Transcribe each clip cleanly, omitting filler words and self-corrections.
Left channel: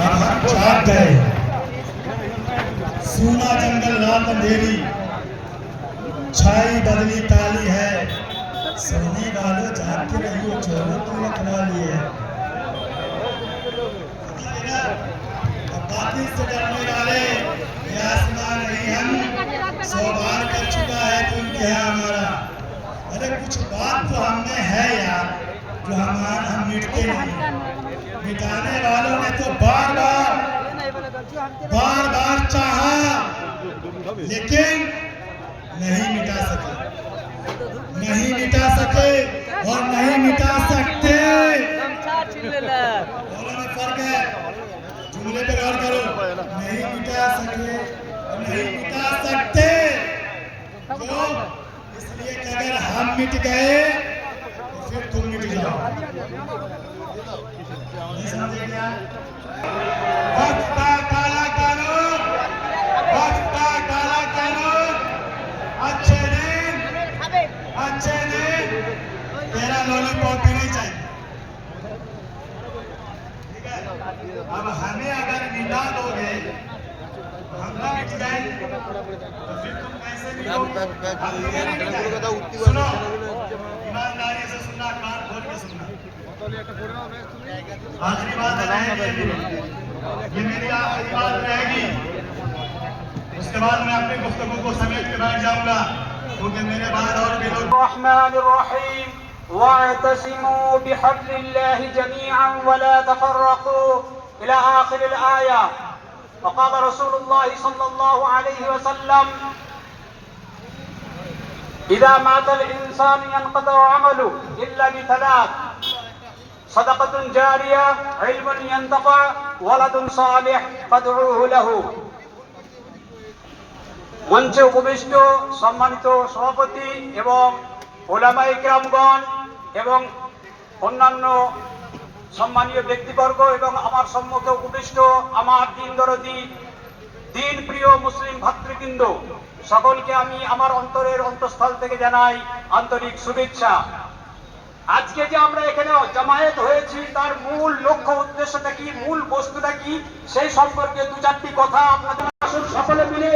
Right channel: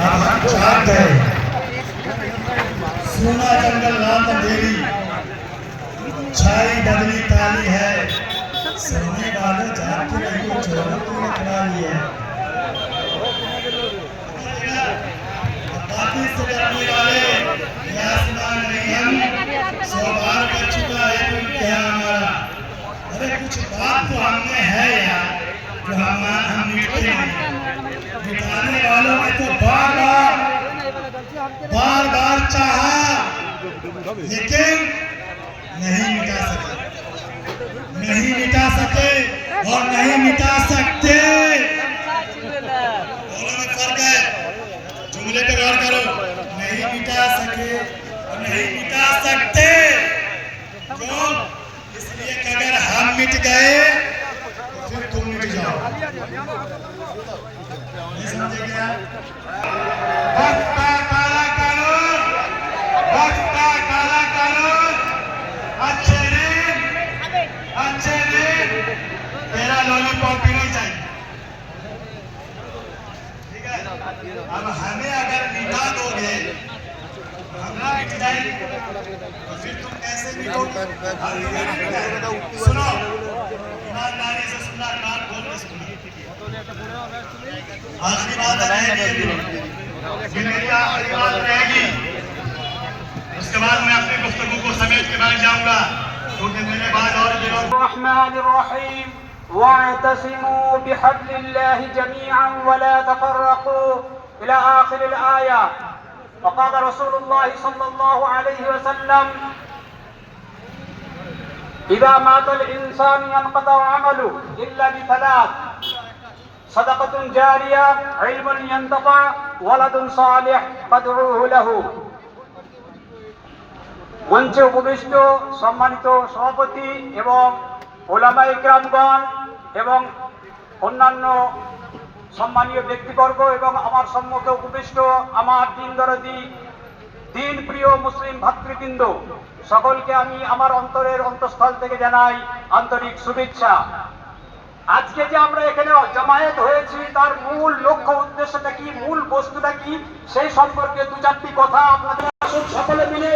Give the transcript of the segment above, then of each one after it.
अब हम जाग गए। सोना जंगल रात अंधेरी, छाई बदली काली है। सोने वालों जाग के रहिए, चोरों को पकड़ा लिए। बाकी से डरने वाले ये आसमान नहीं, हम सौभाग्य कर चुका है तो इम्तिहान हमारा। अरे कुछ बात तो हमने है यार, जो हम मिटते नहीं। मिटाने वालों ने तो बार बार चाहा, लेकिन नहीं मिटा सके और नहीं मिटा सकते। दोनों में फर्क है, जुमले पे गौर करो। नहीं मिटा सके और नहीं मिटा सकते, क्यों? इसलिए कि अगर हम मिट गए तो फिर तुम मिट जाओ। नहीं समझे क्या? वक्त का काला कानून, अच्छे दिन तेरा लॉलीपॉप भी नहीं चाहिए। ठीक है, अब हमें अगर मिटा दोगे, हम मिट जाएंगे, तो फिर तुम कैसे मिटोगे? सुनो, ईमानदारी से सुनना, कान खोल के सुनना। आखिरी बात रहेगी, उसके बाद मैं अपनी गुफ्तगू को समेट के बैठ जाऊंगा, क्योंकि मेरे बाद और भी लोग। रहमानिर्रहीम वाअतसिमू बिहब्लिल्लाहि जमीअन वला तफर्रकू इला आखिरिल आया। वक़ाल रसूलुल्लाह सल्लल्लाहु अलैहि वसल्लम इज़ा मातल इंसानु यनक़तअ अमलुहु इल्ला बिथलाथ सदक़तुन जारिया, इल्मुन यंतफ़अ, वलदुन सालिह फदऊहु लहु। মঞ্চে উপবিষ্ট সম্মানিত সভাপতি এবং ওলামায়ে কেরামগণ এবং অন্যান্য সম্মানীয় ব্যক্তিবর্গ এবং আমার সম্মুখে উপবিষ্ট আমার দিন দরদি দিন প্রিয় মুসলিম ভাতৃবৃন্দ, সকলকে আমি আমার অন্তরের অন্তঃস্থল থেকে জানাই আন্তরিক শুভেচ্ছা। আজকে যে আমরা এখানে জামায়াত হয়েছি, তার মূল লক্ষ্য উদ্দেশ্যটা কি, মূল বস্তুটা কি, সেই সম্পর্কে দু চারটি কথা আপনাদের সকলে মিলে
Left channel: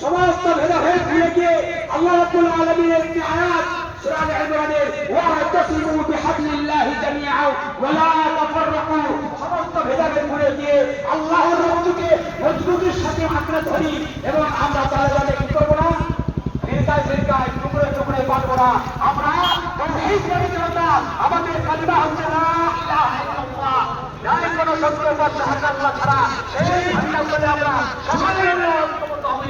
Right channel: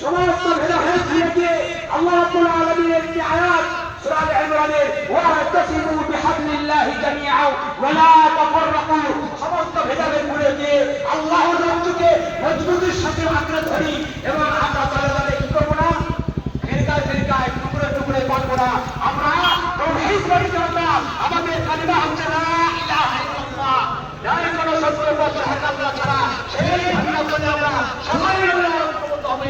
সমস্ত ভেদাভেদ ভুলে গিয়ে আল্লাহ রাব্বুল আলামিনের একটি আয়াত সূরা আলে ইমরানের ওয়া'তাসিমু বিহাবলিল্লাহি জামিআন ওয়া লা তাফাররাকু, সমস্ত ভেদাভেদ ভুলে গিয়ে আল্লাহর রহমতকে মজবুতির সাথে আঁকড়ে ধরি এবং আমরা তাহলে কি করব না, ফিরকায় টুকরে পাবো না। আমরা তাওহীদ পরিচালনা, আমাদের কালিমা হচ্ছে লা ইলাহা ইল্লাল্লাহ, নাই কোনো সত্য উপাস্য আল্লাহ ছাড়া। সেই আমরা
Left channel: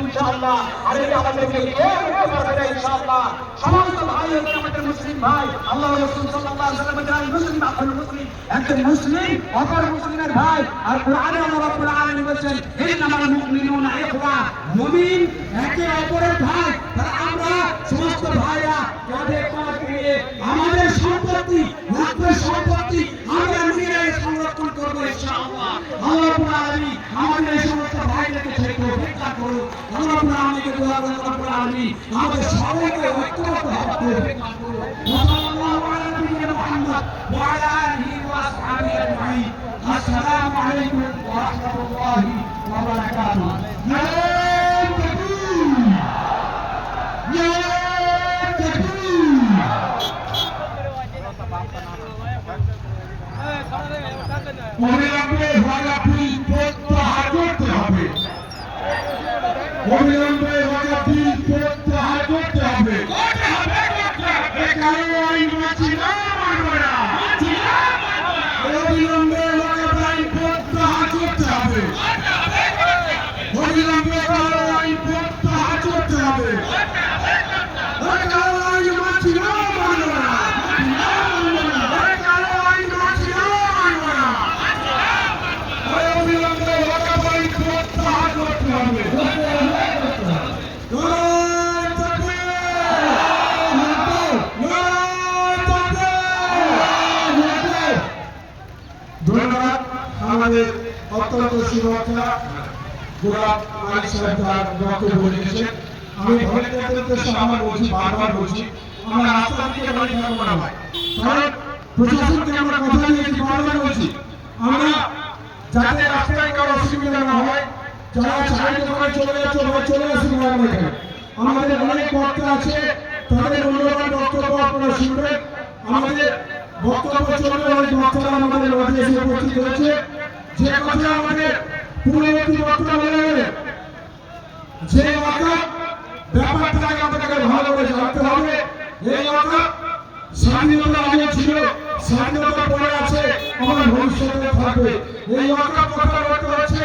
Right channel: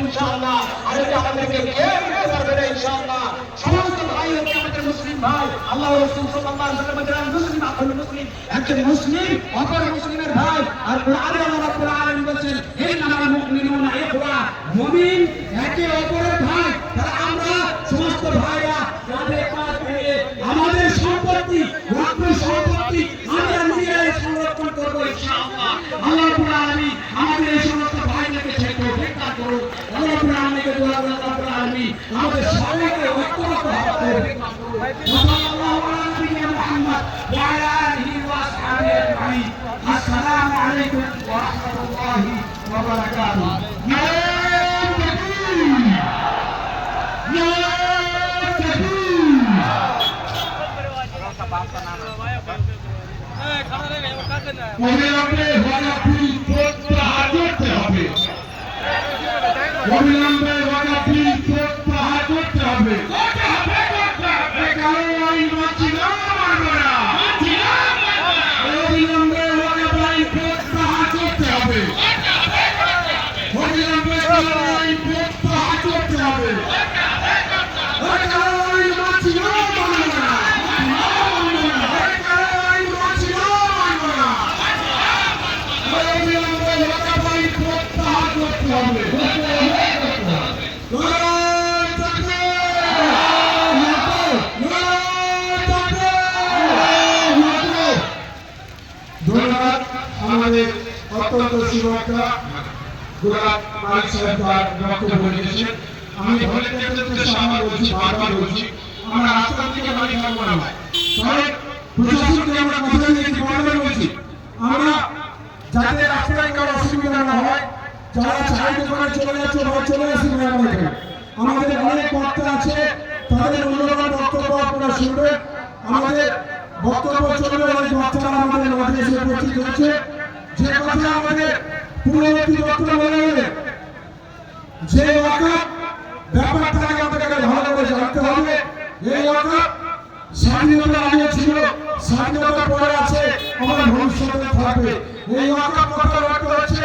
ইনশাআল্লাহ আল্লাহ আমাদেরকে কেউ করবে না ইনশাআল্লাহ। সমস্ত ভাইয়েরা আমাদের মুসলিম ভাই, আল্লাহ রাসূল সাল্লাল্লাহু আলাইহি ওয়াসাল্লাম বলেন মুসলিম আকুল মুসলিম, একজন মুসলিম অপর মুসলিমের ভাই। আর কোরআনে আল্লাহ রাব্বুল আলামিন বলেন ইন্নামাল মুমিনুনা ইখওয়া, মুমিন একে অপরের ভাই। তাহলে আমরা সমস্ত ভাইরা কাঁধে কাঁধ মিলিয়ে আমাদের সম্পত্তি, রক্ত সম্পত্তি আমরা নিজেরাই সংরক্ষণ করব ইনশাআল্লাহ। আল্লাহ রাব্বুল আলামিন আমাদের এই সমস্ত ভাইদেরকে সেই তৌফিক দান করুন। আল্লাহ রাব্বুল আলামিনকে দোয়া করুন, রাব্বুল আলামিন আমাদের সবাইকে ঐক্যবদ্ধ হওয়ার তৌফিক দান করুন। সাল্লাল্লাহু আলাইহি মুহাম্মদ ওয়া আলা আলিহি ওয়া আসহাবিহি আজমাইন। আসসালামু আলাইকুম ওয়া রাহমাতুল্লাহি ওয়া বারাকাতুহু। অবিলম্বে ওয়াকাফি প্রত্যাহার করতে হবে, অবিলম্বে ওয়াকাফি প্রত্যাহার করতে হবে। কারো আইন মানছি না, মানব না। অবিলম্বে ওয়াকাফি প্রত্যাহার করতে হবে, অবিলম্বে কারো আইন প্রত্যাহার করতে হবে। কারো আইন মানছি না, মানব না। ধন্যবাদ আমাদের অত্যন্ত সুরক্ষা গোলাপ মালিক সাহেব তার বক্তব্য রেখেছেন। আমি ভলেন্টিয়ারদের উদ্দেশ্যে আমার বলছি, বারবার বলছি, আমরা রাস্তা থেকে বাড়ি থাকবো না ভাই। কারণ প্রশাসনকে আমরা কথা দিয়েছি, বারবার বলছি, আমরা যাতে রাস্তায় কোনো অসুবিধা না হয়। যারা চায়ের দোকানে চলে যাচ্ছে ভাই চলে আসুন ভাই আমার এখানে। আমাদের অনেক বক্তা আছে, তাদের মূল্যবান বক্তব্য আপনারা শুনবেন। আমাদের বক্তব্য চলবে, অনেক বক্তারা আমাদের মাঝে এসে উপস্থিত হয়েছে। যে কথা আমাদের পূর্ববর্তী বক্তা বলে যে ওয়াকফ ব্যাপারটাকে আমাদেরকে ভালো করে জানতে হবে। এই ওয়াকফ স্বাধীনতার আগে ছিল, স্বাধীনতার পরে আছে, আমার ভবিষ্যতে থাকবে। এই ওয়াকফ কথা বলতে হচ্ছে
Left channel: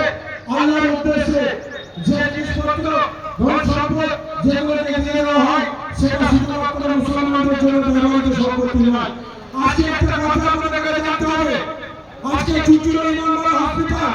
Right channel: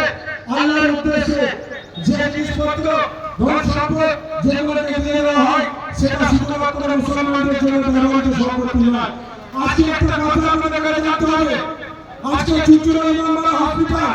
আল্লাহর উদ্দেশ্যে। যে জিনিসপত্র ধন সম্পদ যেগুলোকে দিয়ে দেওয়া হয় সেটা শুধুমাত্র মুসলমানদের জন্য ব্যবহৃত সম্পত্তি নয়। আজকে একটা কথা আপনাদেরকে জানতে হবে। আজকে চুচুড়া ইমামবাড়া হসপিটাল,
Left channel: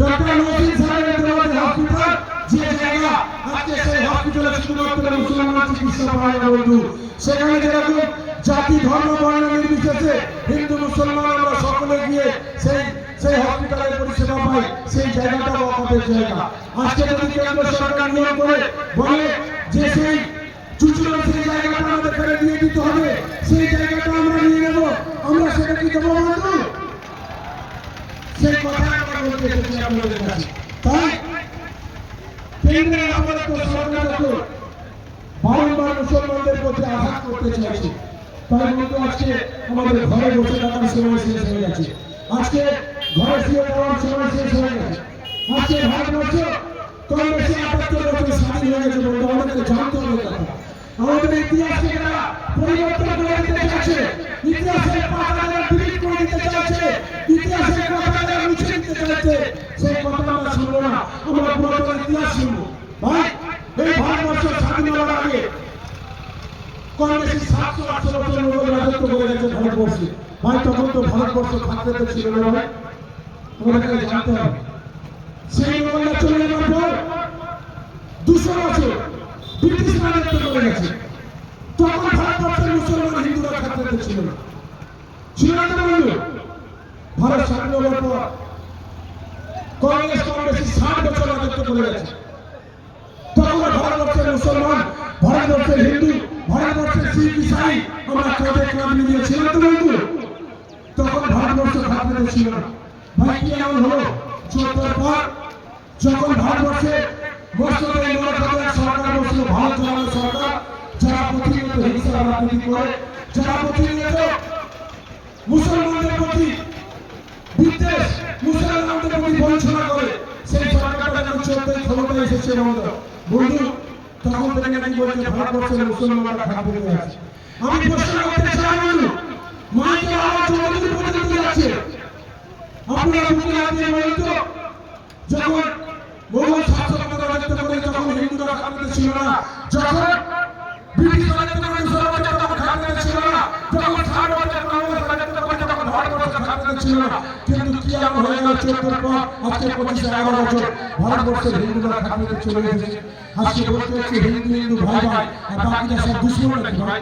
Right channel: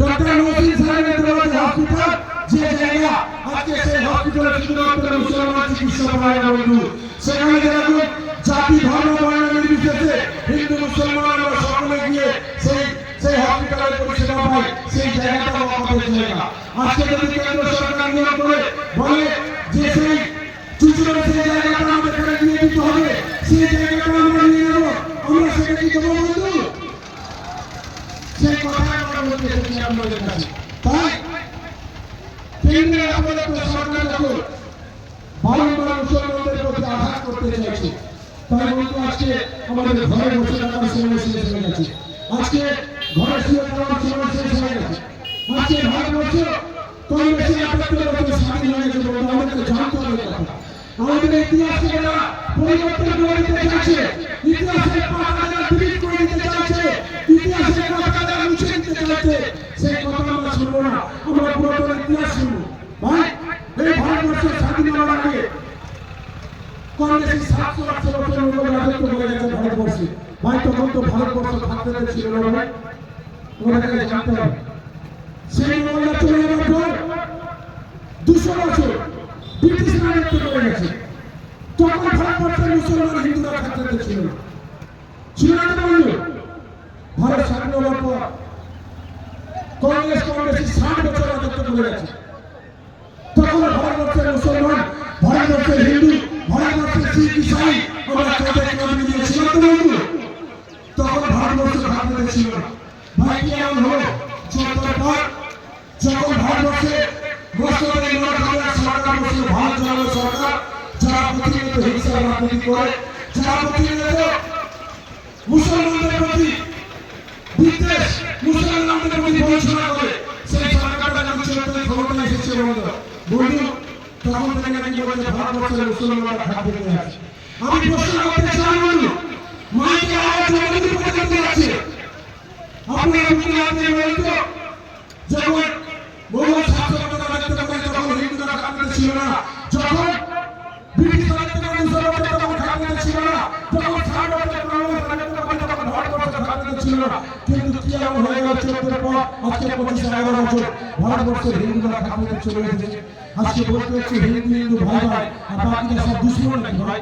ডক্টর মহসিন সাহেবের দেওয়াতে হসপিটাল, যে জায়গা আজকে সেই হসপিটালে শুধুমাত্র মুসলমান চিকিৎসা পায় না বন্ধু। সেখানে যেরকম জাতি ধর্ম বর্ণ নির্বিশেষে হিন্দু মুসলমান আমরা সকলে গিয়ে সেই হসপিটালের পরিষেবা পাই, সেই জায়গাটা ওয়াকফের জায়গা। আজকে যদি কেন্দ্র সরকার নিয়ম করে বলে যে সেই চুচুড়ার সেই জায়গাটা আমাদের এখানে দিয়ে দিতে হবে, সেই জায়গাটা আমরা নিয়ে নেব, আমরা সেটা কি দেবো বন্ধু? সেই কথা আমরা বলতে এসেছি আপনাদের কাছে। তাই কেন্দ্রে আমাদের সরকার যখন বারংবার মুসলমানদের প্রতি আঘাত করতে চাইছে, তাই বন্ধু আজকে আমাদের ঘরে বসে থাকার সময় শেষ হয়ে গেছে। আজকে ঘরে শুয়ে থাকার সময় শেষ হয়ে গেছে। আজকে ভারতবর্ষ কম বেশি ৭৮ বছর স্বাধীন হয়ে গেছে বন্ধু, আমাদেরকে জানতে হবে কথা। আমাদের ইতিহাসকে যারা পরিবর্তন করে দিতে চাইছে, ইতিহাসের পাতা যারা ডিলিট করে দিতে চাইছে, ইতিহাসের কথা যারা মুছে দিতে চাইছে, সেই কথা আমরা শুনবো না, আমরা পুরাতন ইতিহাস শুনবো। ভাই এই ভারতবর্ষ স্বাধীন হওয়ার আগে কম বেশি ৭০০ বছর মোগল রাজত্ব করে গেছে ভারতবর্ষে। ভাই তখন তো ভারতবর্ষ থাকতে ছিল না ভাই, আমাদেরকে জানতে হবে। সেই মোগলরা চলে যাওয়ার পর ২০০ বছর ব্রিটিশ রাজত্ব করে গেছে। তখন ভারতবর্ষের মুসলমান হিন্দুরা থাকতে ছিল না, ছিল না বন্ধু। ভারত স্বাধীন হওয়ার পর কংগ্রেস কম বেশি ৬০ বছর রাজত্ব করে গেছে। তখন ভারতবর্ষের মুসলমান, ভারতবর্ষের হিন্দু, ভারতবর্ষের শিখ ইসাই আমরা কাঁধে কাঁধ মিলিয়ে ছিল তো বন্ধু। তখন ভারতবর্ষ থাকতে ছিল না। ভাই কি এমন হলো যতর পর যখন ভারতবর্ষে মস্তকে ইমারতের সরকার বসলো, ভারত চালানো সরকার, যারা প্রতিনিয়ত হিংসা রাজনীতি করে, যারা প্রতিনিয়ত মুসলমানদের প্রতি বিদ্বেষ, মুসলমানদের প্রতি বঞ্চনা করে, সেই সরকারটা যখন ১৪ ক্ষমতায় এসেছে বন্ধু, তখন থেকে নাকি বলছে ভারতবর্ষের মুসলমানরা থাকতে আছে। আমি প্রশ্ন করতে চাই বন্ধু, মাইকে আওয়াজ জনগণ পর্যন্ত যাচ্ছে, আপনারা বুঝতে পারছেন বলতো যখন মোগল শাসক রাজত্ব করে তখন হিন্দুরা থাকতে ছিল না, যখন ব্রিটিশ রাজত্ব করে মুসলমানরা তখন থাকতে ছিল না, যখন ভারতবর্ষের কংগ্রেস রাজত্ব করে তখন ভারতবর্ষ থাকতে ছিল না। কিন্তু কি এমন হয়ে গেল ১৪ পর আজকে ২৫-১১ বছর ভারতবর্ষের হিন্দুরা থাকতে চলে এসেছে। আজকে বলতে হচ্ছে হিন্দু হিন্দু ভাই ভাই, আর বাকিরা সব দুশ্মন নাকি ভাই?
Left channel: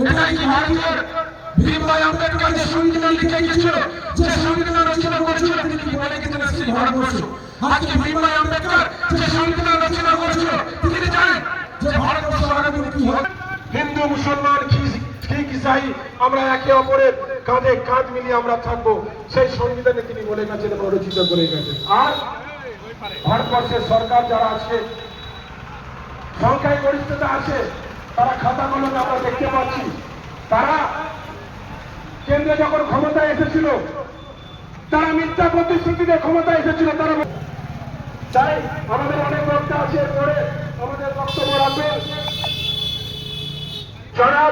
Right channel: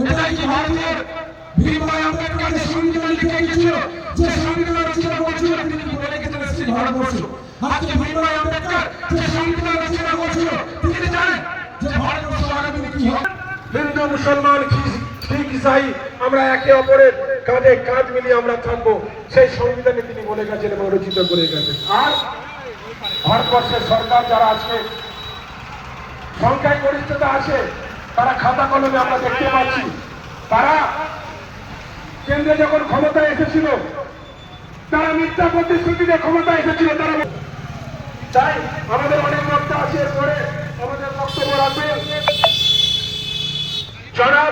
এটা কি ভারতীয় ভীম ভাই আম্বেদকর যে সংবিধান লিখে রেখেছিল, যে সংবিধান রচনা করেছিল, তিনি কি বলে রেখেছিলেন সেই ভারতবর্ষ? আজকে ভীম ভাই আম্বেদকর যে সংবিধান রচনা করেছিল, তিনি জানেন যে ভারতবর্ষ আগামী দিনে কি হবে? হিন্দু মুসলমান শিখ ইসাই আমরা একে অপরের কাঁধে কাঁধ মিলিয়ে আমরা থাকবো, সেই সংবিধানে তিনি বলে গেছেন এবং রচিত করে গেছেন। আর ভারতবর্ষের সরকার যারা আজকে সংখ্যায় গরিষ্ঠতা আছে, তারা খাতা কলমে আমরা দেখতে পাচ্ছি, তারা কেন্দ্রে যখন ক্ষমতায় এসেছিল তারা মিথ্যা প্রতিশ্রুতিতে ক্ষমতায় এসেছিল। তাই আমাদের অনেক বক্তব্য আছে, পরে আমাদের বক্তব্য রাখবেন যারা